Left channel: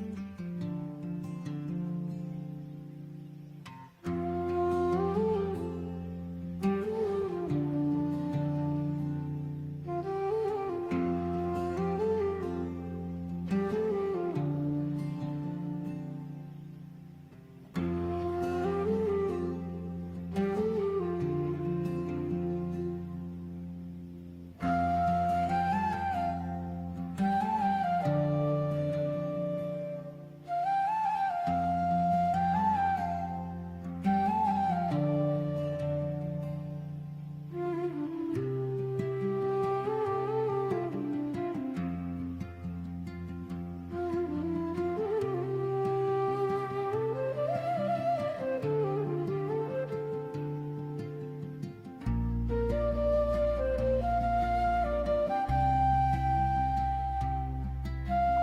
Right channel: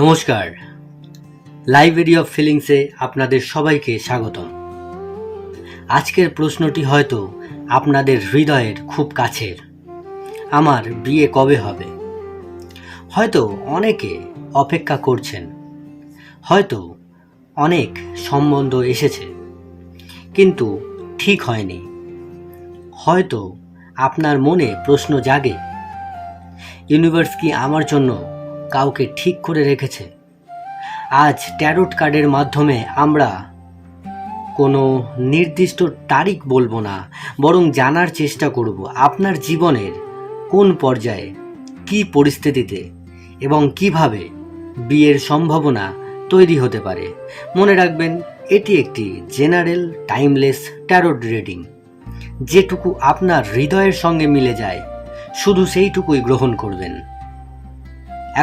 নমস্কার, library of ফিলিংসে আপনাদের সবাইকে স্বাগতম। আজকের প্রশ্নটি হয়তো আপনাদের হৃদয়ের খুব কাছের। আমার বিয়ে কবে হবে? হয়তো অনেকে অপেক্ষা করছেন, হয়তো অনেক সম্বন্ধ এসেছে কিন্তু ঠিক হয়নি। হয়তো আপনার মনে প্রশ্ন জাগে, ইউনিভার্স কি আমার জন্য কাউকে ঠিক করে রেখেছে? আজ ট্যারোট কার্ডের মাধ্যমে আমরা কোনো নির্দিষ্ট তারিখ বলবো না, বরং জানার চেষ্টা করব আপনার জীবনের কোন পর্যায়ে, কী পরিস্থিতিতে এবং কিভাবে বিয়ের সম্ভাবনা তৈরি হতে পারে। মনে রাখবেন, এটি একটি জেনারেল টাইমলেস ট্যারোট রিডিং। যেটুকু আপনার হৃদয়ের সঙ্গে মিলে যায় শুধু সেইটুকুই গ্রহণ করবেন।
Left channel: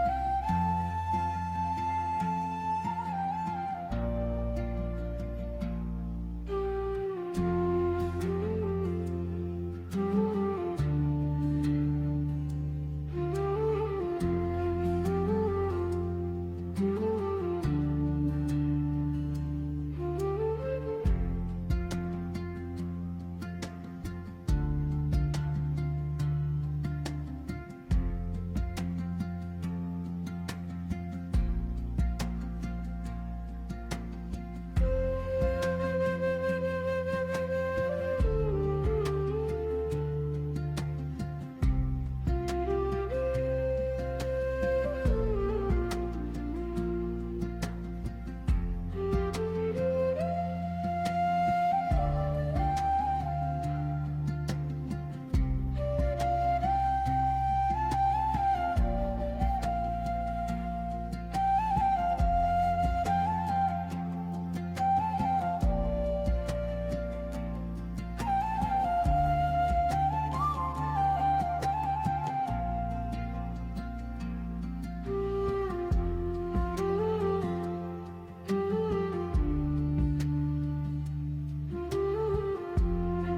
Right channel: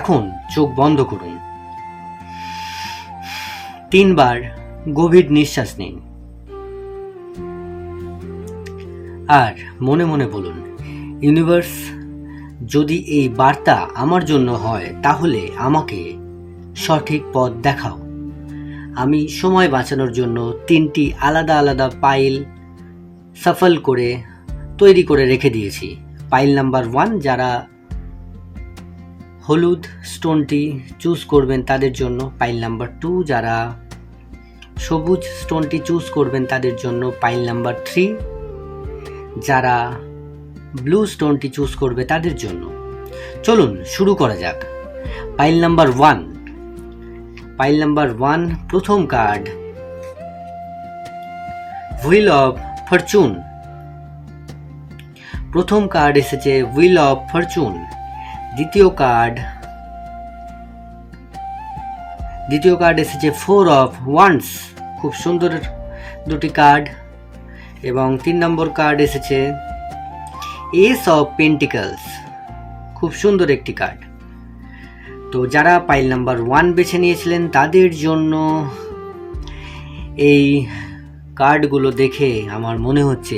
এখন চোখ বন্ধ করুন, 3 বার গভীর নিঃশ্বাস নিন আর মনে মনে বলুন, ইউনিভার্স, যদি এই বার্তা আমার জন্য হয় তাহলে আমাকে সঠিক পথ দেখাও। আমি সময় বাঁচানোর জন্য 3টি আলাদা আলাদা পাইল সাফল করে তৈরি করে রেখে দিয়েছি। পাইল নাম্বার 1, যারা হলুদ স্টোনটি চুজ করবেন তাদের জন্য। পাইল নাম্বার 2, যারা সবুজ স্টোনটি চুজ করবেন তাদের জন্য। পাইল নাম্বার 3, যারা ব্লু স্টোনটি চুজ করবে তাদের জন্য। চলুন শুরু করা যাক। পাইল নাম্বার 1, প্রথম কার্ড, হুইল অফ ফরচুন। প্রথম কার্ড এসেছে হুইল অফ ফরচুন। দ্বিতীয় কার্ড এসেছে 4 অফ ওয়ান্ডস। খুব সুন্দর দুটি কার্ড। এবং 3 নম্বর কার্ড এসেছে এস অফ পেন্টিকলস। খুব সুন্দর একটি কার্ড। তো যারা পাইল নাম্বার 1 বেছে নিয়েছিলেন তাদের জন্য এই কার্ডগুলো দেখে আমার মনে হচ্ছে,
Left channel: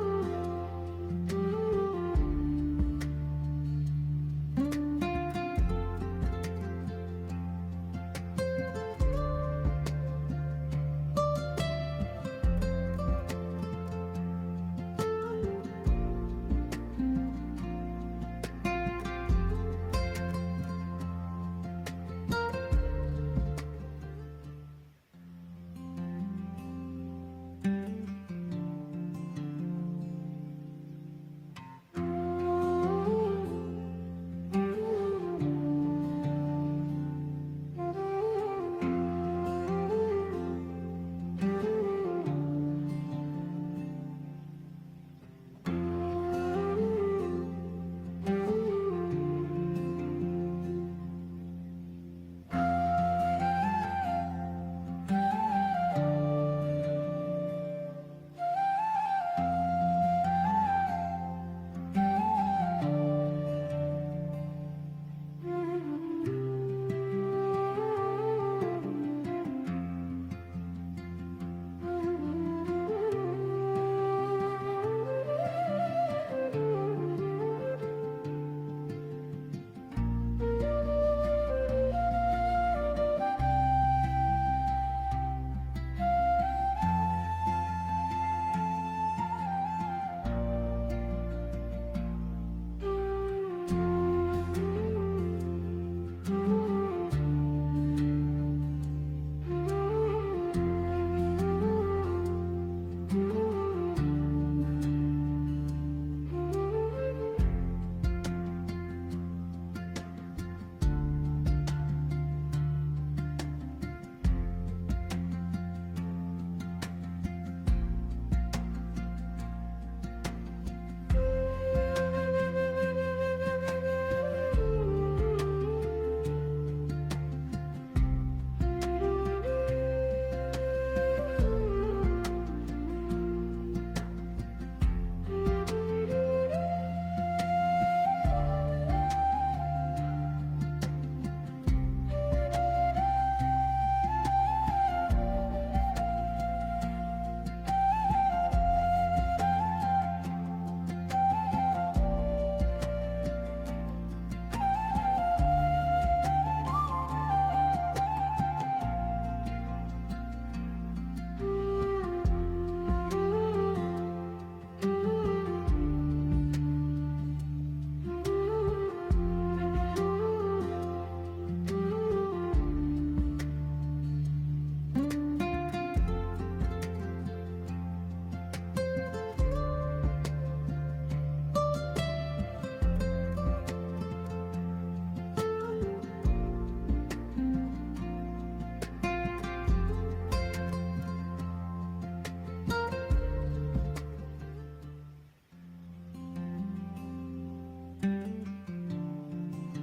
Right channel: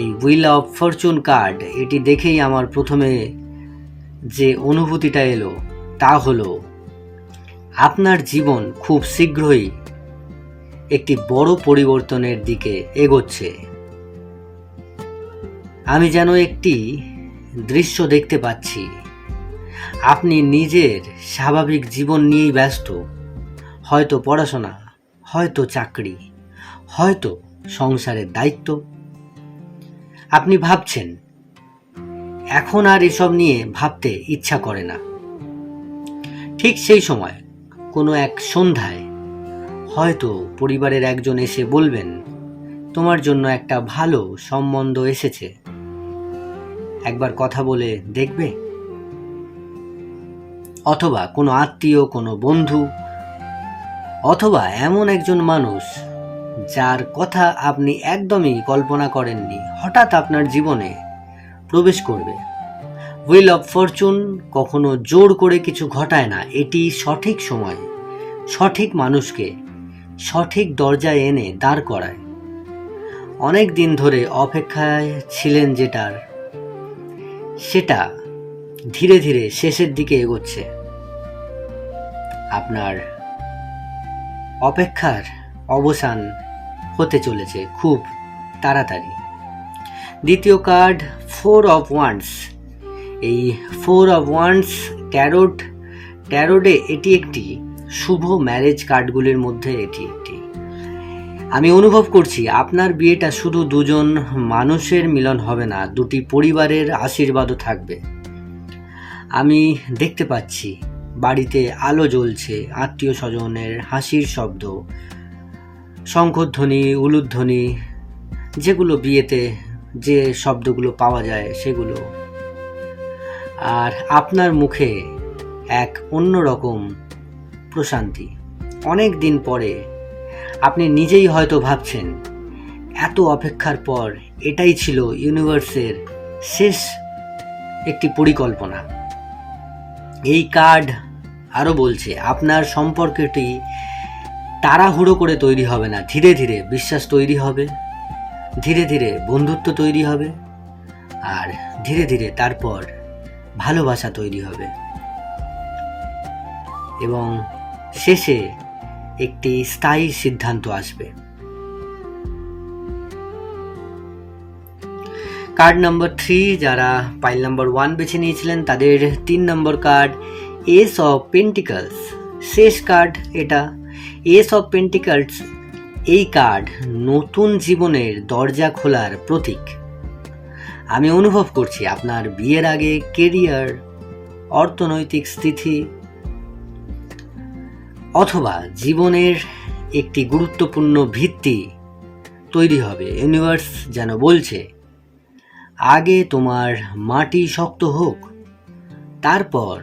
এই হুইল অফ ফরচুন কার্ড, এটি দেখেই আমার প্রথমে যে অনুভূতিটা এলো তা হলো, আপনার জীবন খুব শীঘ্রই একটি বড় পরিবর্তনের দিকে এগোচ্ছে। আমি যেন একটি দৃশ্য দেখতে পাচ্ছি। আপনি নিজের স্বাভাবিক জীবন নিয়েই ব্যস্ত, হয়তো পড়াশোনা, হয়তো চাকরি, হয়তো সংসারের দায়িত্ব। আপনি ভাবছেন, এখন আর এসব নিয়ে ভাবতে ইচ্ছা করে না। ঠিক সেই সময় কোনো এক সন্ধ্যায় হয়তো পরিবারের একজন এসে বলবেন, তোমার জন্য একটা ভালো সম্বন্ধ এসেছে, একবার কথা বলে দেখবে? অথবা কোনো আত্মীয়, কোনো বন্ধু, অথবা এমন একজন মানুষ যার কথা আপনি একদমই কল্পনা করেননি হঠাৎ আপনার জীবনে প্রবেশ করবে। হুইল অফ ফরচুন কখনো জোর করে কিছু ঘটায় না, এটি সঠিক সময় সঠিক মানুষকে সঠিক দরজায় এনে দাঁড় করায়। অনেক দিন ধরে অপেক্ষায় ছিলেন সেটা ধীরে ধীরে শেষের দিকে এগোচ্ছে। আপনার অপেক্ষার অবসান হতে চলেছে খুব তাড়াতাড়ি। দ্বিতীয় কার্ড 4 অফ ওয়ান্ডস। এই 4 অফ ওয়ান্ডস ট্যারোটে এটি একটি শুভ ম্যারেজ কার্ডগুলির মধ্যে এটি একটি। আমি অনুভব করছি আপনার বিয়েটা শুধু দুজন মানুষের মিলন হবে না, দুটি পরিবারের আশীর্বাদও থাকবে। আমি দেখতে পাচ্ছি বাড়িতে আলো জ্বলছে, আত্মীয় স্বজনের হাসির শব্দ, শঙ্খধ্বনি, উলুধ্বনি, যেগুলো বিয়েতে যে শব্দগুলো পাওয়া যায় সেগুলো। আর আপনার মুখে এক অন্যরকম প্রশান্তি। অনেক দিন পরে আপনি নিজেই হয়তো ভাবছেন, এত অপেক্ষার পর এটাই ছিল ইউনিভার্সের শেষ একটি পরিকল্পনা। এই কার্ড আরও বলছে, আপনার সম্পর্কটি তাড়াহুড়ো করে তৈরি হবে না, ধীরে ধীরে বিশ্বাস তৈরি হবে, ধীরে ধীরে বন্ধুত্ব তৈরি হবে, আর ধীরে ধীরে তারপর ভালোবাসা তৈরি হবে। এবং শেষে একটি স্থায়ী সিদ্ধান্ত আসবে। কার্ড নাম্বার 3, যারা পাইল নাম্বার 1 বেছে নিয়েছিলেন তাদের 3 number card S of pentacles. শেষ কার্ড এটা। এস অফ পেন্টিকলস এই কার্ড নতুন জীবনের দরজা খোলার প্রতীক। আমি অনুভব করছি আপনার বিয়ের আগে কেরিয়ার, অর্থনৈতিক স্থিতি অথবা জীবনের একটি গুরুত্বপূর্ণ ভিত্তি তৈরি হবে। ইউনিভার্স যেন বলছে, আগে তোমার মাটি শক্ত হোক, তারপর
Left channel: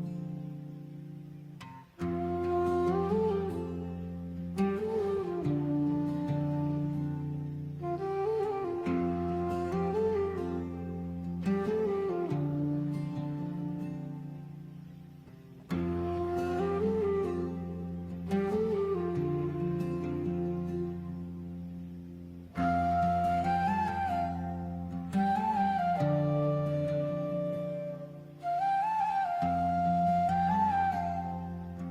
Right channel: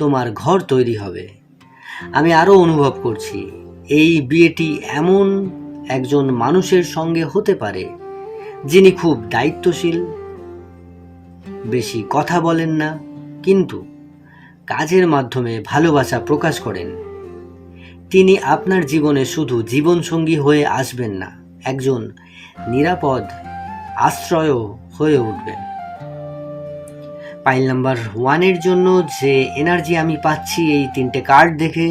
তোমার ঘর তৈরি হবে। আমি আরও অনুভব করছি এই বিয়েটি এমন একজন মানুষের সঙ্গে হতে পারে যিনি খুব দায়িত্বশীল, বেশি কথা বলেন না, কিন্তু কাজের মাধ্যমে ভালোবাসা প্রকাশ করেন। তিনি আপনার জীবনে শুধু জীবনসঙ্গী হয়ে আসবেন না, একজন নিরাপদ আশ্রয় হয়ে উঠবেন। পাইল নাম্বার 1-এর জন্য যে এনার্জি আমি পাচ্ছি এই 3টে কার্ড দেখে,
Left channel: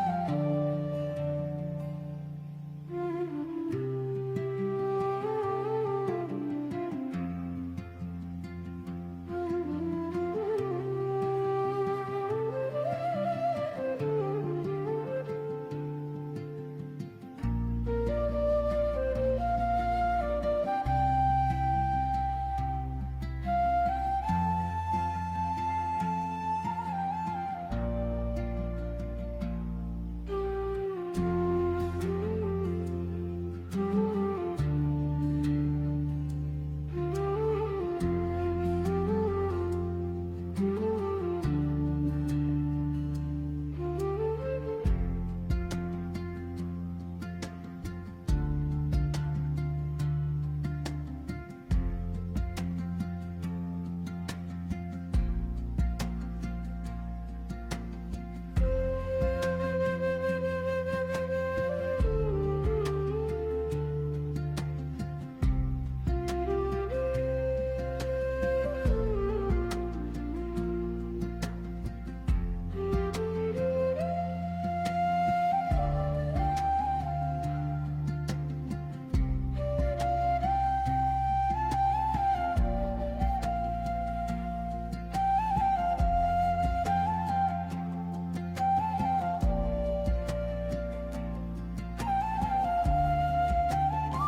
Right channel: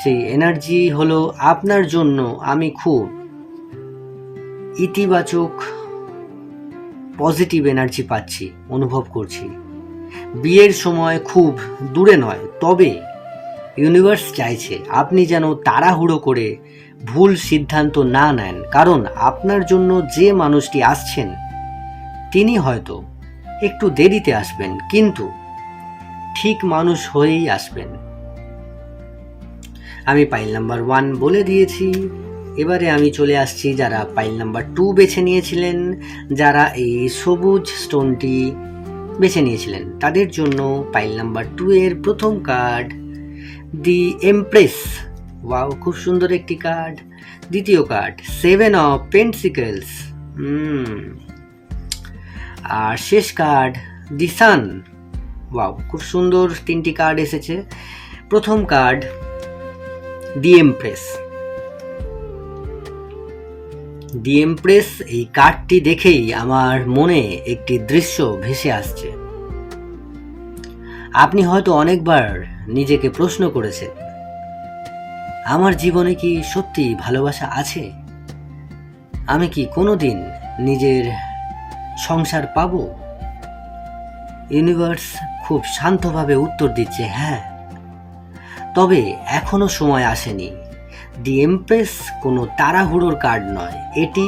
সেই এনার্জি হলো আপনার জন্য আমি খুব ইতিবাচক পজিটিভ এনার্জি পাচ্ছি, অনুভব করছি। বিয়ের সময় খুব দূরে নয়, তবে ইউনিভার্স চাইছে আপনি যেন তাড়াহুড়ো করে ভুল সিদ্ধান্ত না নেন, কারণ আপনার জন্য যে মানুষটি আসছেন তিনি হয়তো একটু দেরিতে আসবেন, কিন্তু ঠিক মানুষ হয়েই আসবেন। আমি পাইল নাম্বার 1 বলে দিয়েছি। এবারে আমি চলে আসছি যারা পাইল নাম্বার 2 বেছে নিয়েছিলেন, যারা এই সবুজ স্টোনটি বেছে নিয়েছিলেন তাদের জন্য পাইল নাম্বার 2 এর প্রথম কার্ড দি এমপ্রেস। ওয়াও, খুব সুন্দর একটি কার্ড। দ্বিতীয় কার্ড 7 অফ পেন্টিকলস। আর শেষ কার্ড দি সান। ওয়াও, খুব সুন্দর 3টি কার্ড এসেছে। প্রথম কার্ড দি এমপ্রেস। দি এমপ্রেস এই কার্ডটি দেখেই আমার মনে একটি দৃশ্য ভেসে আসছে। আপনি হয়তো অনেকবার নিজেকে প্রশ্ন করেছেন, আমার জীবনে কি সত্যি ভালোবাসা আছে? আমি কি কোনোদিন নিজের সংসার পাব? ইউনিভার্স খুব শান্তভাবে উত্তর দিচ্ছে, হ্যাঁ, তবে এখনো সময় আসেনি। দি এমপ্রেস কোনো তাড়াহুড়োর কার্ড নয়, এটি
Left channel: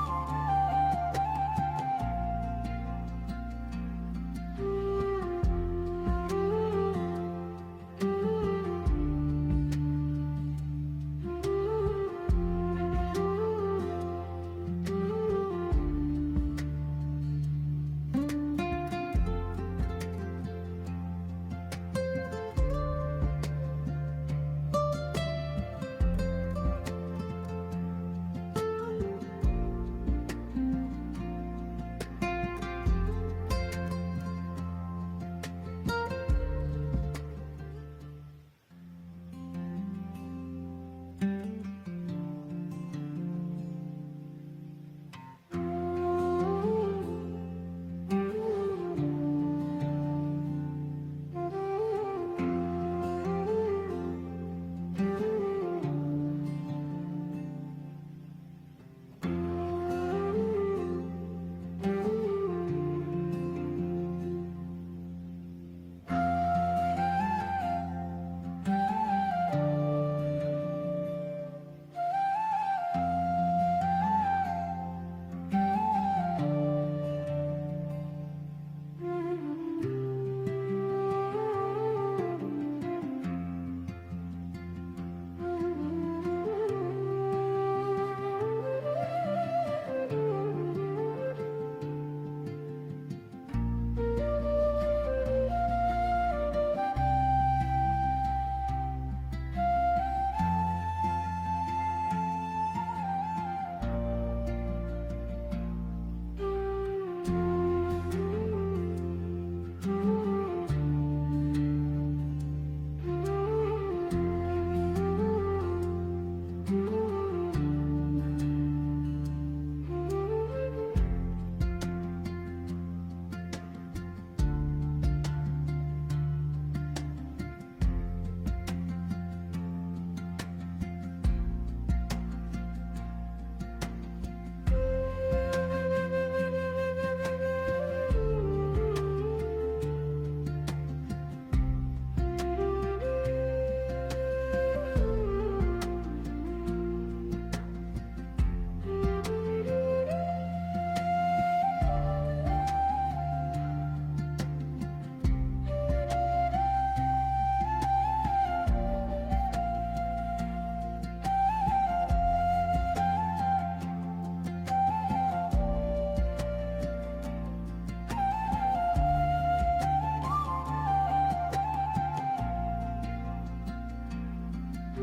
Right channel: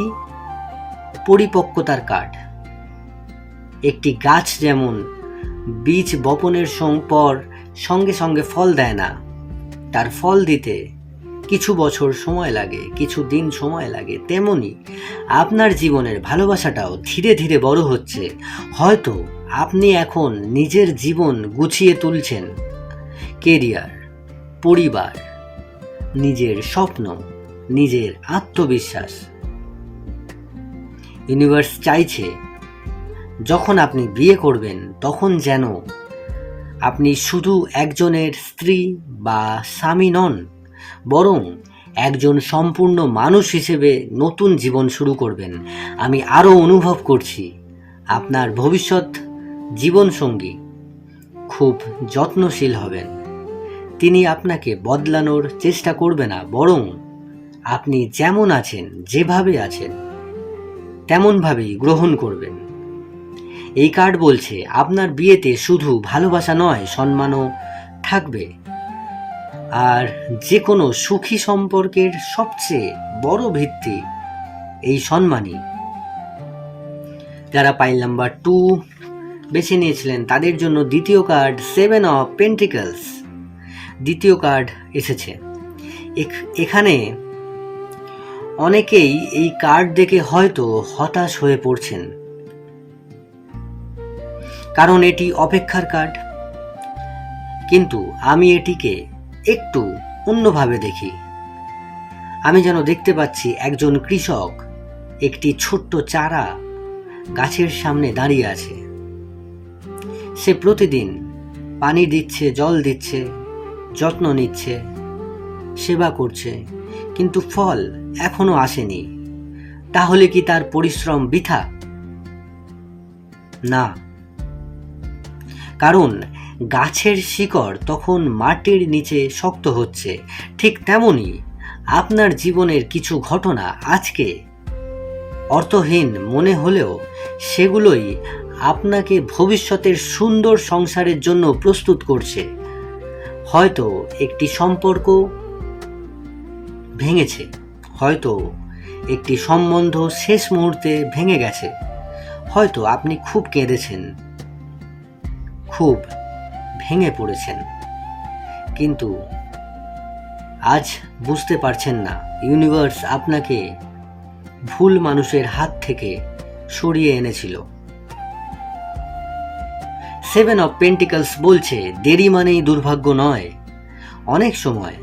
পরিপক্কতার কার্ড। একটি গাছ যেমন বীজ বপনের পর সঙ্গে সঙ্গে ফল দেয় না, তার ফল দিতে কিছু বছর সময় লাগে, কিছু দিন সময় লাগে, তেমনি আপনার জীবনের ভালোবাসাটাও ধীরে ধীরে বড় হচ্ছে। হয়তো আপনি এখন নিজের জীবন গুছিয়ে তুলছেন, কেরিয়ার, পরিবার, নিজের স্বপ্ন, নিজের আত্মবিশ্বাস। ইউনিভার্স চাইছে যখন আপনি বিয়ে করবেন তখন যেন আপনি শুধু একজনের স্ত্রী বা স্বামী নন, বরং একজন সম্পূর্ণ মানুষ হিসেবে নতুন জীবন শুরু করবেন। আমি আরও অনুভব করছি আপনার ভবিষ্যৎ জীবনসঙ্গী খুব যত্নশীল হবেন। তিনি আপনাকে বদলানোর চেষ্টা করবে না, বরং আপনি যেমন আছেন, যেভাবে আছেন তেমনভাবেই গ্রহণ করবেন। এই কার্ড বলছে আপনার বিয়েতে শুধু ভালোবাসা নয়, সম্মানও থাকবে। আর যে কোনো সুখী সম্পর্কের সবচেয়ে বড় ভিত্তি এই সম্মানই। যারা পাইল নাম্বার 2 বেছে নিয়েছিলেন তাদের জন্য দ্বিতীয় কার্ড 7 অফ পেন্টিকলস। দ্বিতীয় কার্ড এসেছে। এখানে অনেকেই এই কার্ড দেখে হয়তো হতাশ হয়ে পড়ছেন, কারণ এটি অপেক্ষার কার্ড। কিন্তু আমি এটিকে একটু অন্যভাবে দেখি। আমি যেন দেখতে পাচ্ছি একজন কৃষক একটি ছোট্ট চারা গাছের সামনে দাঁড়িয়ে আছে। সে প্রতিদিন পানি দিচ্ছে, জল দিচ্ছে, যত্ন নিচ্ছে, সেবা করছে, কিন্তু ফল এখনো আসেনি। তাহলে কি তার পরিশ্রম বৃথা? না, কারণ গাছের শিকড় তখন মাটির নিচে শক্ত হচ্ছে, ঠিক তেমনই আপনার জীবনের কিছু ঘটনা আজকে অর্থহীন মনে হলেও সেগুলোই আপনাকে ভবিষ্যতের সুন্দর সংসারের জন্য প্রস্তুত করছে। হয়তো একটি সম্পর্ক ভেঙেছে, হয়তো একটি সম্বন্ধ শেষ মুহূর্তে ভেঙে গেছে, হয়তো আপনি খুব কেঁদেছেন, খুব ভেঙে পড়েছেন, কিন্তু আজ বুঝতে পারছেন না ইউনিভার্স আপনাকে ভুল মানুষের হাত থেকে সরিয়ে এনেছিল। 7 অফ পেন্টিকলস বলছে দেরি মানেই দুর্ভাগ্য নয়, অনেক সময়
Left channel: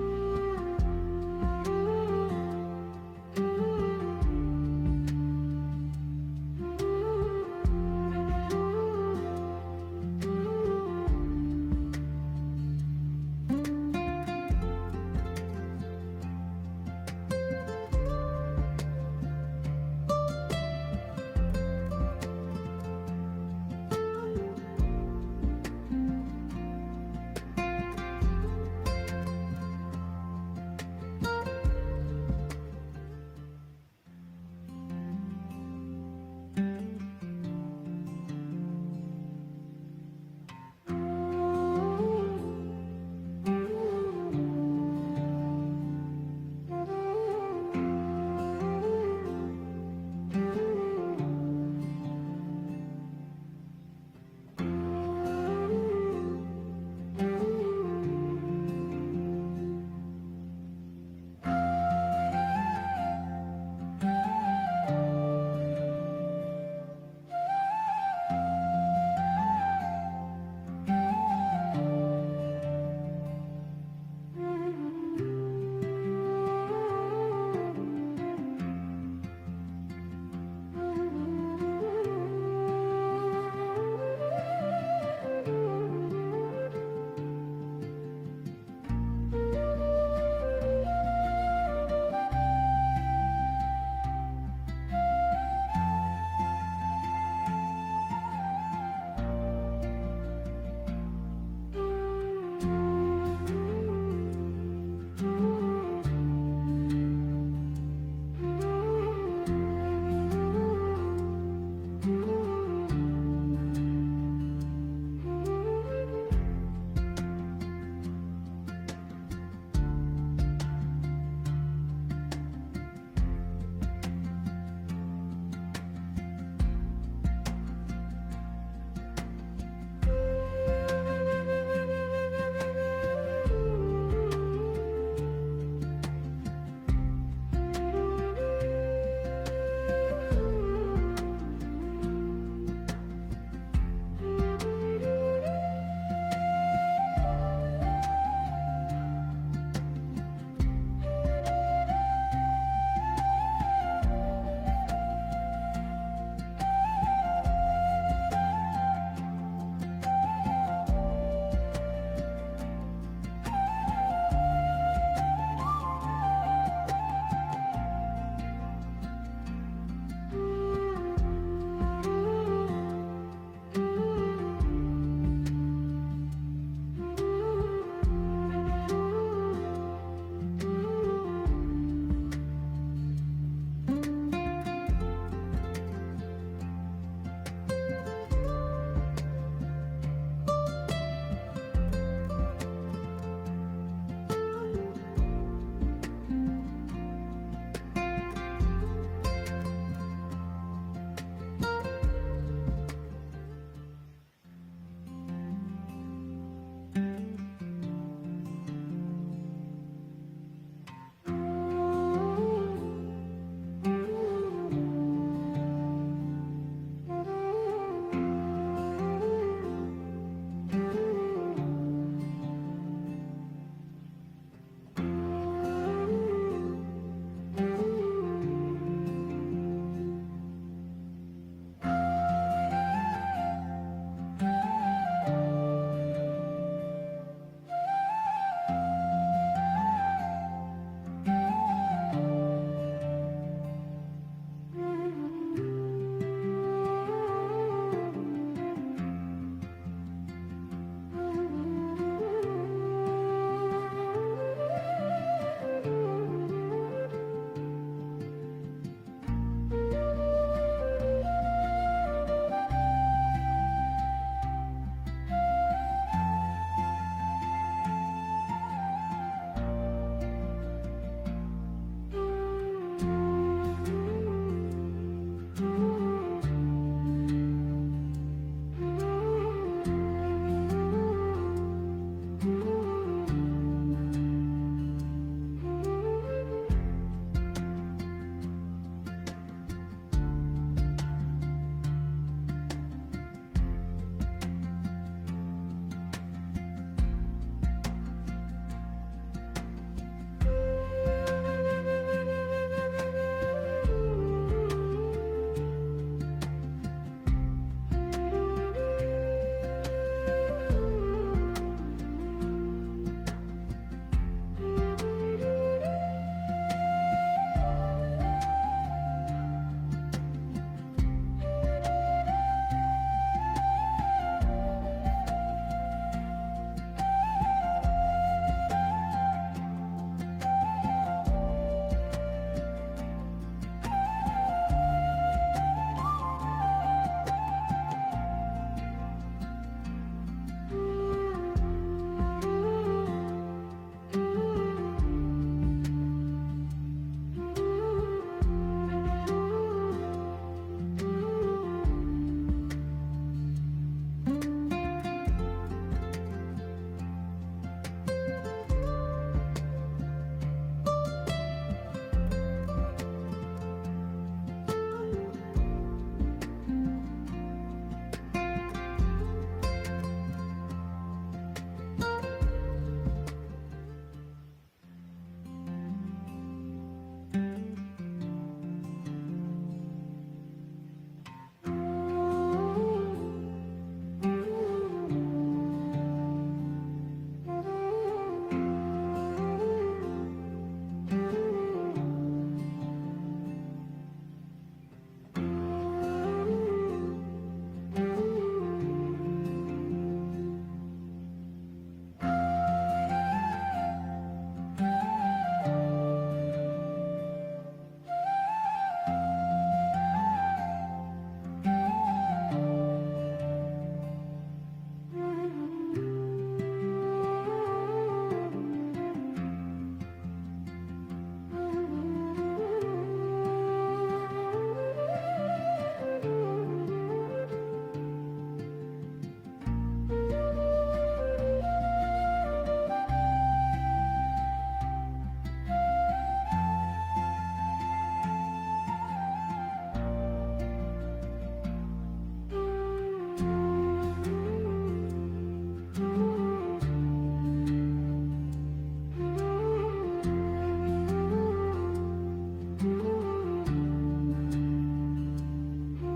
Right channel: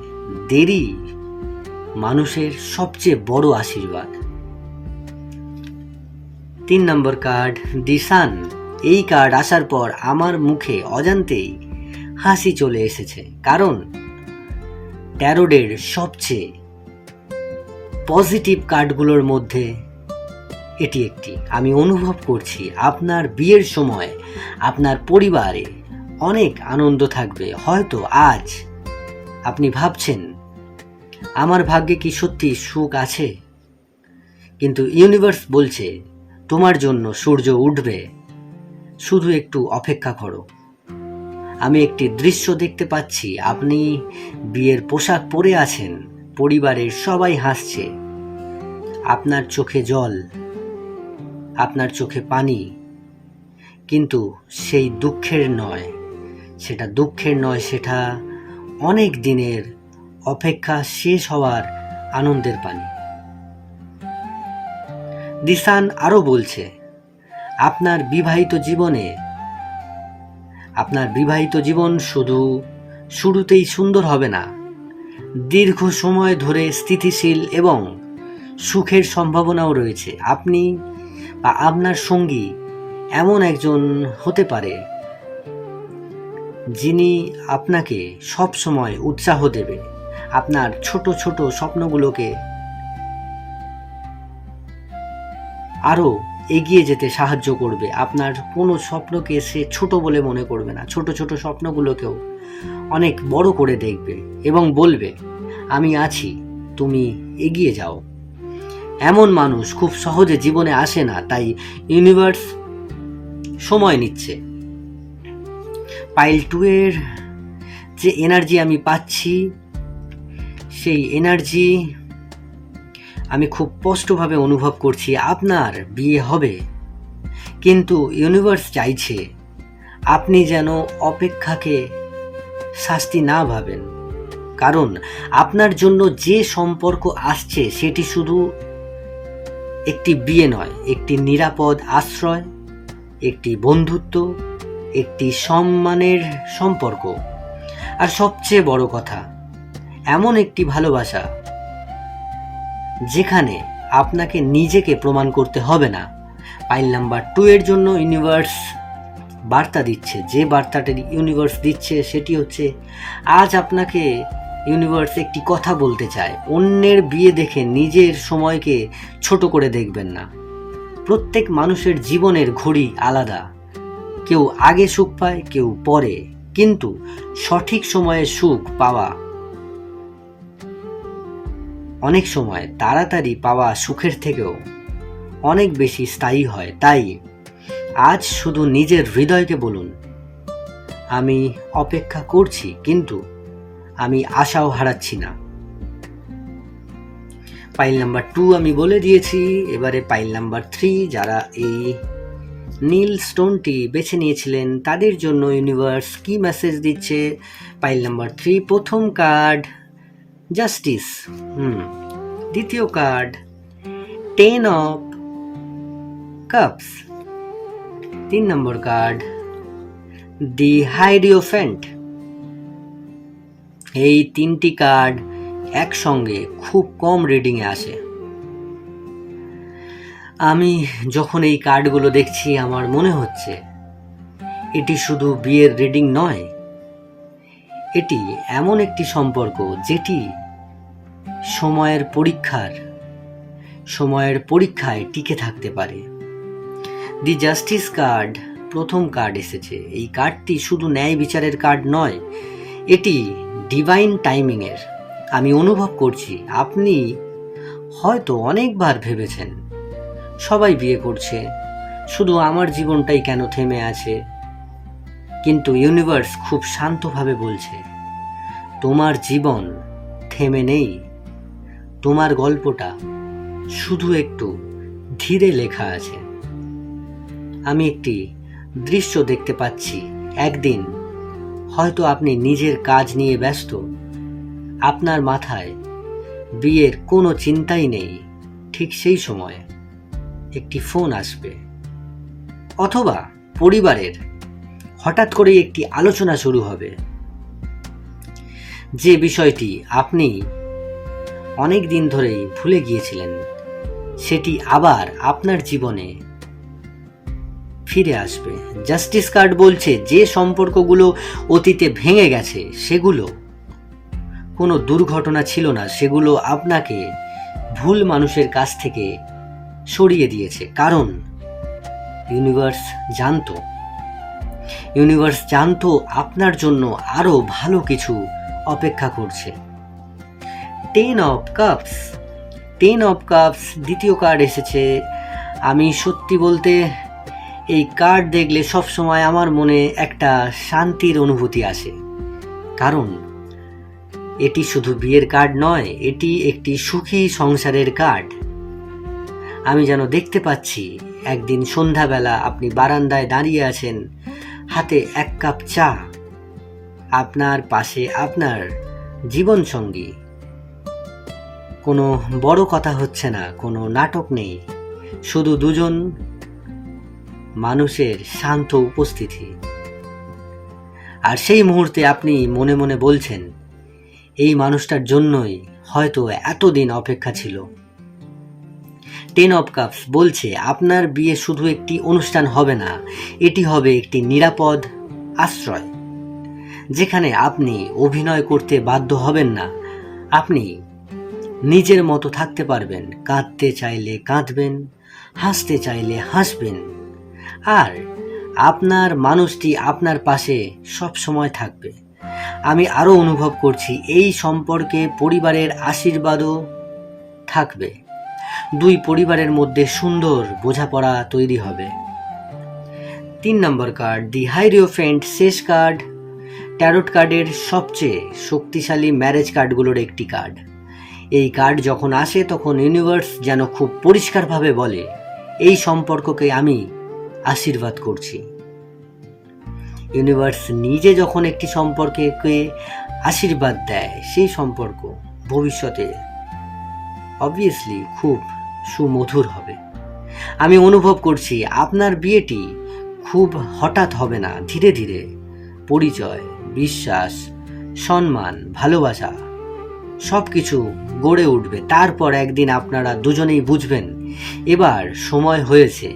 দেরি মানুষের সবচেয়ে বড় আশীর্বাদ। 3 নম্বর কার্ড দি সান। এই কার্ড আসার পর আমার মুখে অজান্তেই হাসি চলে এসেছে, কারণ ট্যারোডের সবচেয়ে পজিটিভ কার্ডগুলোর মধ্যে এটি একটি। আমি অনুভব করছি আপনার বিয়ের সময় আপনার পরিবারে অনেক আনন্দ থাকবে। হয়তো আজ আপনি ভাবছেন আমার ভাগ্যে কি সত্যি সুখ আছে, কিন্তু ইউনিভার্স বলছে তোমার জন্য সূর্য উঠবে, শুধু একটু অপেক্ষা করো। আমি একটি দৃশ্য দেখতে পাচ্ছি, আপনি বিয়ের পোশাক পরে আছেন, পরিবারের সবাই হাসছে, আপনার চোখে জল, আপনার চোখে পানি, কিন্তু সেই দুঃখের নয়, সেটা দুঃখের নয়, সেটা অনেক দিনের অপেক্ষা শেষ হওয়ার আনন্দের পানি। দি সান আরো বলছে আপনার বিবাহিত জীবন শুধু শুরুতেই সুন্দর হবে না, দীর্ঘ সময় ধরে স্থিতিশীল এবং সুখের সম্ভাবনাও রয়েছে। আপনি বা আপনার সঙ্গী এমন একজন হতে পারে যিনি আপনাকে সব সময় উৎসাহ দেবে, আপনার ছোট ছোট স্বপ্নগুলোকে আরো এগিয়ে যেতে সাহায্য করবে। আপনার কোনো স্বপ্নকে সে ছোট বলে মনে করবে না, ছোট ছোট স্বপ্নগুলোকেও অনেক বড় করে দেখবে এবং বলবে আমি আছি, তুমি এগিয়ে যাও। এমন মানুষ খুব সহজে জীবনে আসে না, তাই ইউনিভার্স সময় নিচ্ছে। পাইল 2 এর যে এনার্জি আমি পাচ্ছি, সেই এনার্জি আমি খুব স্পষ্টভাবে অনুভব করছি। আপনার বিয়ে হবে, কিন্তু ইউনিভার্স চাইছে আপনি যেন অপেক্ষাকে শাস্তি না ভাবেন, কারণ আপনার জন্য যে সম্পর্ক আসছে সেটি শুধু একটি বিয়ে নয়, একটি নিরাপদ আশ্রয়, একটি বন্ধুত্ব, একটি সম্মানের সম্পর্ক, আর সবচেয়ে বড় কথা এমন একটি ভালোবাসা যেখানে আপনাকে নিজেকে প্রমাণ করতে হবে না। পাইল নাম্বার 2 এর জন্য ইউনিভার্স বার্তা দিচ্ছে, যে বার্তাটা ইউনিভার্স দিচ্ছে সেটি হচ্ছে আজ আপনাকে ইউনিভার্স একটি কথা বলতে চায়, অন্যের বিয়ে দেখে নিজের সময়কে ছোট করে দেখবেন না। প্রত্যেক মানুষের জীবনের ঘড়ি আলাদা, কেউ আগে সুখ পায়, কেউ পরে, কিন্তু সঠিক সময়ে সুখ পাওয়া অনেক সময় তাড়াতাড়ি পাওয়া সুখের থেকেও অনেক বেশি স্থায়ী হয়। তাই আজ শুধু নিজের হৃদয়কে বলুন আমি অপেক্ষা করছি, কিন্তু আমি আশাও হারাচ্ছি না। পাইল নাম্বার 2 আমি বলে দিয়েছি, এবারে পাইল নাম্বার 3। যারা এই নীল স্টোনটি বেছে নিয়েছিলেন তাদের জন্য ইউনিভার্স কি মেসেজ দিচ্ছে। পাইল নাম্বার 3 প্রথম কার্ড জাস্টিস, দ্বিতীয় card 10 of cups, 3 number card the hierophant. এই 3টি কার্ড একসঙ্গে খুব কম রিডিংয়ে আসে। আমি যখন এই কার্ডগুলো দেখছি আমার মনে হচ্ছে এটি শুধু বিয়ের রিডিং নয়, এটি এমন একটি সম্পর্ক যেটি সময়ের পরীক্ষায় টিকে থাকতে পারে। দি জাস্টিস কার্ড প্রথম কার্ড এসেছে। এই কার্ডটি শুধু ন্যায় বিচারের কার্ড নয়, এটি ডিভাইন টাইমিংয়ের। আমি অনুভব করছি আপনি হয়তো অনেকবার ভেবেছেন, সবাই বিয়ে করছে, শুধু আমার জীবনটাই কেন থেমে আছে। কিন্তু ইউনিভার্স খুব শান্তভাবে বলছে, তোমার জীবন থেমে নেই, তোমার গল্পটা শুধু একটু ধীরে লেখা আছে। আমি একটি দৃশ্য দেখতে পাচ্ছি, একদিন হয়তো আপনি নিজের কাজ নিয়ে ব্যস্ত, আপনার মাথায় বিয়ের কোনো চিন্তাই নেই, ঠিক সেই সময় একটি ফোন আসবে, অথবা পরিবারের হঠাৎ করে একটি আলোচনা শুরু হবে, যে বিষয়টি আপনি অনেক দিন ধরেই ভুলে গিয়েছিলেন সেটি আবার আপনার জীবনে ফিরে আসবে। জাস্টিস কার্ড বলছে যে সম্পর্কগুলো অতীতে ভেঙে গেছে সেগুলো কোনো দুর্ঘটনা ছিল না, সেগুলো আপনাকে ভুল মানুষের কাছ থেকে সরিয়ে দিয়েছে। কারণ ইউনিভার্স জানতো আপনার জন্য আরো ভালো কিছু অপেক্ষা করছে। 10 অফ কাপস দ্বিতীয় কার্ড এসেছে। আমি সত্যি বলতে এই কার্ড দেখলে সবসময় আমার মনে একটা শান্তির অনুভূতি আসে, কারণ এটি শুধু বিয়ের কার্ড নয়, এটি একটি সুখী সংসারের কার্ড। আমি যেন দেখতে পাচ্ছি একদিন সন্ধ্যাবেলা আপনি বারান্দায় দাঁড়িয়ে আছেন, হাতে এক কাপ চা, আপনার পাশে আপনার জীবন সঙ্গী। কোনো বড় কথা হচ্ছে না, কোনো নাটক নেই, শুধু দুজন মানুষের শান্ত উপস্থিতি। আর সেই মুহূর্তে আপনি মনে মনে বলছেন, এই মানুষটার জন্যই হয়তো এতদিন অপেক্ষা ছিল। 10 অফ কাপস বলছে আপনার বিয়ে শুধু একটি অনুষ্ঠান হবে না, এটি হবে একটি নিরাপদ আশ্রয়, যেখানে আপনি অভিনয় করতে বাধ্য হবেন না, আপনি নিজের মতো থাকতে পারবেন, কাঁদতে চাইলে কাঁদবেন, হাসতে চাইলে হাসবেন, আর আপনার মানুষটি আপনার পাশে সব সময় থাকবে। আমি আরো অনুভব করছি এই সম্পর্কে পরিবারের আশীর্বাদও থাকবে, দুই পরিবারের মধ্যে সুন্দর বোঝাপড়া তৈরি হবে। 3 নম্বর কার্ড, দি হাইরিওফেন্ট, শেষ কার্ড ট্যারোট কার্ডের সবচেয়ে শক্তিশালী ম্যারেজ কার্ডগুলোর একটি কার্ড। এই কার্ড যখন আসে তখন ইউনিভার্স যেন খুব পরিষ্কারভাবে বলে, এই সম্পর্ককে আমি আশীর্বাদ করছি। ইউনিভার্স নিজে যখন একটি সম্পর্ককে আশীর্বাদ দেয়, সেই সম্পর্ক ভবিষ্যতে অবভিয়াসলি খুব সুমধুর হবে। আমি অনুভব করছি আপনার বিয়েটি খুব হঠাৎ হবে না, ধীরে ধীরে পরিচয়, বিশ্বাস, সম্মান, ভালোবাসা সব কিছু গড়ে উঠবে। তারপর একদিন আপনারা দুজনেই বুঝবেন এবার সময় হয়েছে।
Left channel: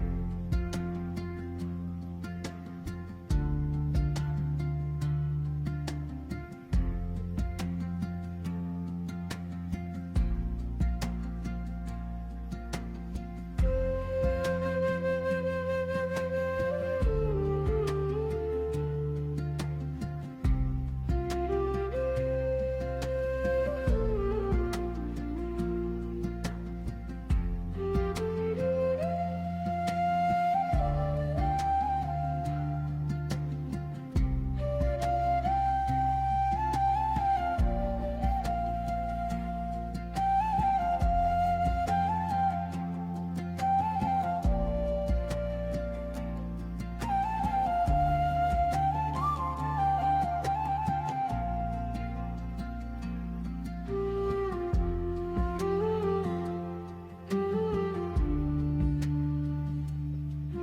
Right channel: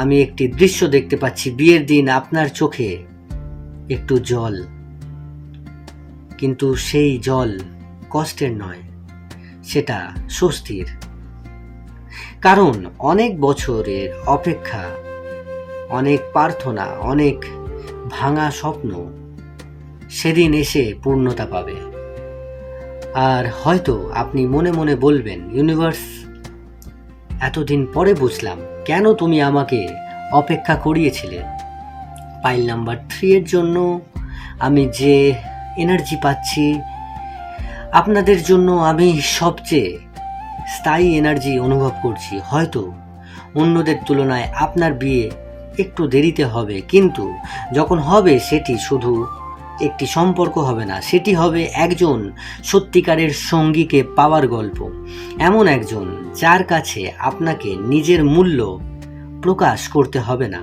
আমি একটি দৃশ্য দেখতে পাচ্ছি, বিয়ের দিন আপনার চোখে একটু জল, কিন্তু সেই জল কষ্টের নয়, সেটা স্বস্তির। কারণ অনেক বছরের অপেক্ষা, অনেক প্রার্থনা, অনেক ভাঙা স্বপ্ন সেদিন এসে পূর্ণতা পাবে। আর হয়তো আপনি মনে মনে বলবেন, ইউনিভার্স এতদিন পরে বুঝলাম কেন তুমি আমাকে অপেক্ষা করিয়েছিলে। পাইল নাম্বার 3 এর জন্য আমি যে এনার্জি পাচ্ছি, আপনাদের জন্য আমি সবচেয়ে স্থায়ী এনার্জি অনুভব করছি। হয়তো অন্যদের তুলনায় আপনার বিয়ে একটু দেরিতে হবে, কিন্তু যখন হবে সেটি শুধু একটি সম্পর্ক হবে না, সেটি হবে একজন সত্যিকারের সঙ্গীকে পাওয়ার গল্প। এমন একজন যার কাছে আপনাকে নিজের মূল্য প্রকাশ করতে হবে না,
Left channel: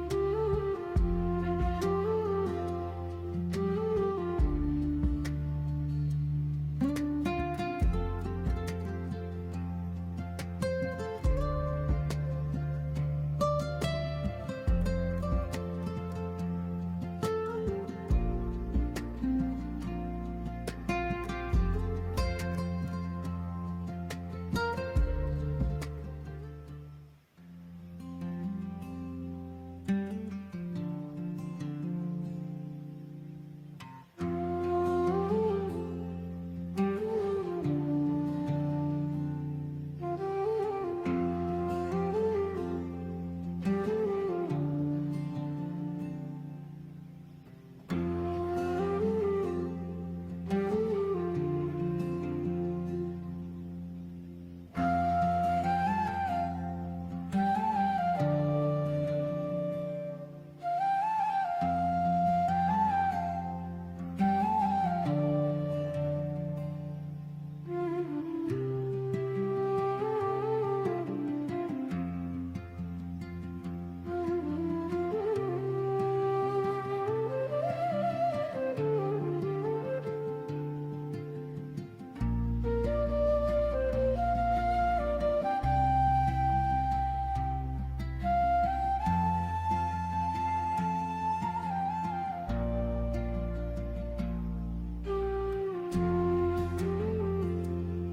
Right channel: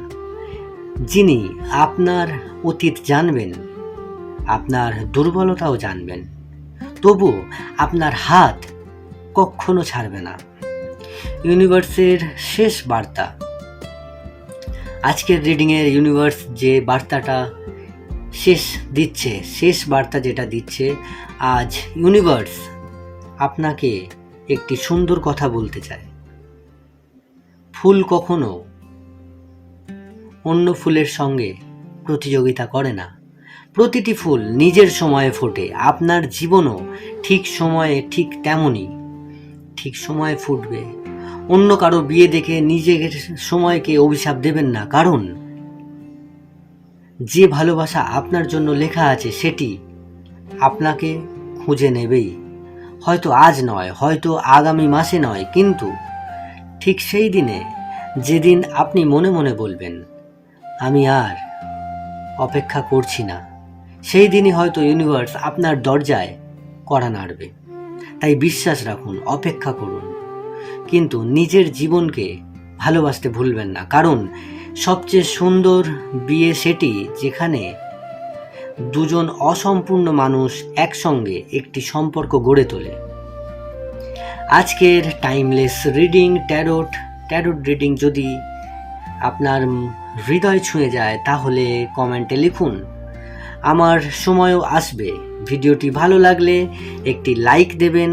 যিনি আপনার অতীত জানবেন, আপনার দুর্বলতাও জানবেন, তবু আপনার হাত কখনো ছাড়বে না। ইউনিভার্সের শেষ বার্তা, আজকের রিডিংয়ের ইউনিভার্স যে বার্তাটা শেষ বার্তা যেটা দিচ্ছে, আজ ইউনিভার্স আপনাকে একটি সুন্দর কথা বলতে চায়। ফুল কখনো অন্য ফুলের সঙ্গে প্রতিযোগিতা করে না। প্রতিটি ফুল নিজের সময়ে ফোটে। আপনার জীবনও ঠিক সময়ে ঠিক তেমনই ঠিক সময়ে ফুটবে। অন্য কারো বিয়ে দেখে নিজের সময়কে অভিশাপ দেবেন না, কারণ যে ভালোবাসা আপনার জন্য লেখা আছে সেটি আপনাকে খুঁজে নেবেই। হয়তো আজ নয়, হয়তো আগামী মাসে নয়, কিন্তু ঠিক সেই দিনে, যেদিন আপনি মনে মনে বলবেন আমি আর অপেক্ষা করছি না, সেই দিনই হয়তো ইউনিভার্স আপনার দরজায় কড়া নাড়বে। তাই বিশ্বাস রাখুন, অপেক্ষা করুন, কিন্তু নিজের জীবনকে ভালোবাসতে ভুলবেন না, কারণ সবচেয়ে সুন্দর বিয়ে সেটি যেখানে দুজন অসম্পূর্ণ মানুষ একসঙ্গে একটি সম্পর্ক গড়ে তোলে। আজকের টাইমলেস রিডিং ট্যারোট রিডিং যদি আপনার হৃদয় ছুঁয়ে যায় তাহলে কমেন্টে লিখুন। আমার সময়ও আসবে। ভিডিওটি ভালো লাগলে একটি লাইক দেবেন,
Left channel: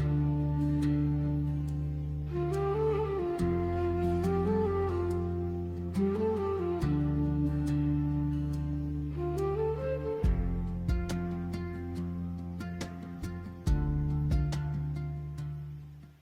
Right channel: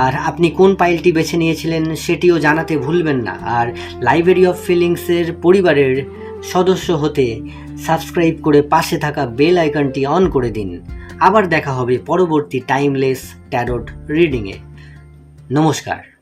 আর আপনি কোন পাইলটি বেছে নিয়েছিলেন সেটিও জানাতে ভুলবেন না। আর লাইব্রেরি অফ ফিলিংসের পরিবারের সদস্য হতে সাবস্ক্রাইব করে পাশে থাকা বেল আইকনটি অন করে দিন। আবার দেখা হবে পরবর্তী টাইমলেস ট্যারোট রিডিংয়ে। নমস্কার।